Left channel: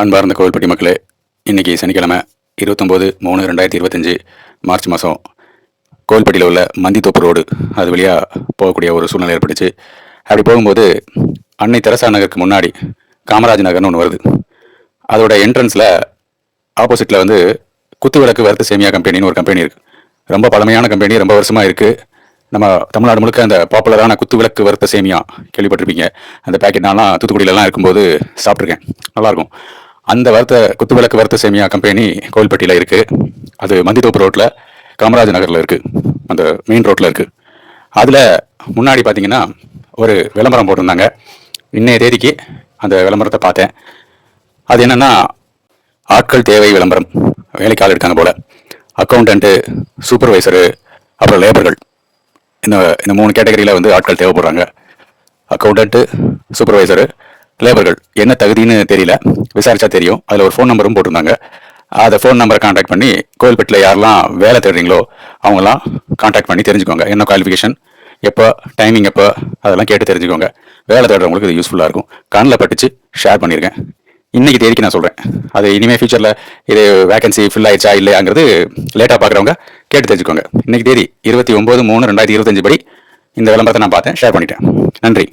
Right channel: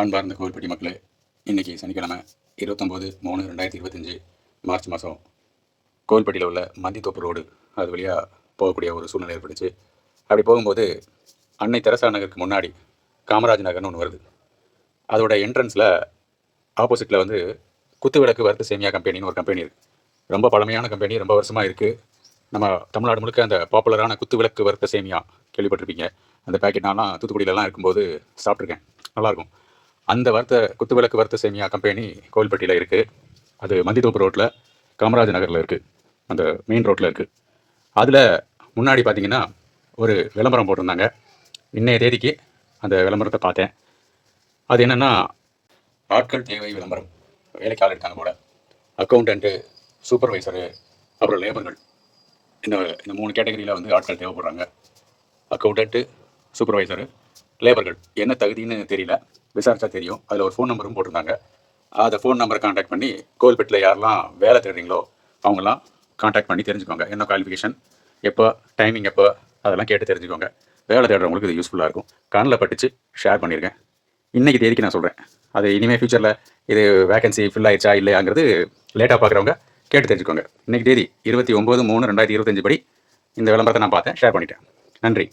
அன்பார்ந்த கோவில்பட்டி மக்களே, இன்றைக்கி சனிக்கிழமை 29/3/2025 மார்ச் மாதம் கோவில்பட்டியில் உள்ள மந்தித்தோப்பு ரோடு அது வழியாக போகக்கூடிய ஒரு சூழ்நிலை ஏற்பட்டுச்சு. அப்படி போகும்போது அன்னை தெரசா நகருக்கு முன்னாடி காமராஜ் நகர்னு ஒன்று வருது. அதோட என்ட்ரன்ஸில் ஆப்போசிட்டில் வந்து குத்துவிளக்கு வறுத்த சேமியா கம்பெனின்னு ஒரு கம்பெனி இருக்குது. ரொம்ப பழமையான கம்பெனி, ரொம்ப வருஷமாக இருக்குது. நம்ம தமிழ்நாடு முழுக்க அந்த பாப்புலரான குத்துவிளக்கு வறுத்த சேமியா கேள்விப்பட்டிருப்பீங்க. அந்த பேக்கெட் நான்லாம் தூத்துக்குடியிலலாம் இருக்கும்போது சாப்பிட்ருக்கேன், நல்லாயிருக்கும். அந்த குத்துவிளக்கு வறுத்த சேமியா கம்பெனி கோவில்பட்டியில் இருக்குது. அது மந்தித்தோப்பு ரோட்டில் காமராஜ் நகரில் இருக்குது, அந்த மெயின் ரோட்டில் இருக்குது. அதில் முன்னாடி பார்த்தீங்கன்னா ஒரு விளம்பரம் போட்டிருந்தாங்க. இன்னைய தேதிக்கு அந்த விளம்பரத்தை பார்த்தேன். அது என்னென்னா, ஆட்கள் தேவை விளம்பரம். வேலைக்கு ஆள் எடுக்காங்க போல். அக்கௌண்டண்ட்டு, சூப்பர்வைசரு, அப்புறம் லேபர்கள், இந்த 3 கேட்டகரியில் வந்து ஆட்கள் தேவைப்படுறாங்க. Accountant, supervisor, லேபர்கள். என்ன தகுதின்னு தெரியல, விசாரிச்சா தெரியும். அதில் ஒரு ஃபோன் நம்பரும் போட்டிருந்தாங்க. அதை ஃபோன் நம்பரை கான்டாக்ட் பண்ணி கோவில்பட்டியில் யாரெல்லாம் வேலை தேடுறீங்களோ அவங்களாம் கான்டாக்ட் பண்ணி தெரிஞ்சுக்கோங்க. என்ன குவாலிஃபிகேஷன், எப்போ, டைமிங் எப்போ, அதெல்லாம் கேட்டு தெரிஞ்சுக்கோங்க. வேலை தேடுறவங்களுக்கு இது யூஸ்ஃபுல்லாக இருக்கும். கண்ணில் பட்டுச்சு, ஷேர் பண்ணியிருக்கேன். இன்றைக்கி தேதிக்கு நான் சொல்கிறேன். அது இனிமேல் ஃபியூச்சரில் இது வேகன்சி ஃபில் ஆயிடுச்சா இல்லையாங்கிறது லேட்டாக பார்க்குறவங்க கேட்டு தெரிஞ்சுக்கோங்க. இன்றைக்கி தேதி 29/3/2025 படி இந்த விளம்பரத்தை நான் பார்த்தேன், ஷேர் பண்ணிட்டேன். நன்றி.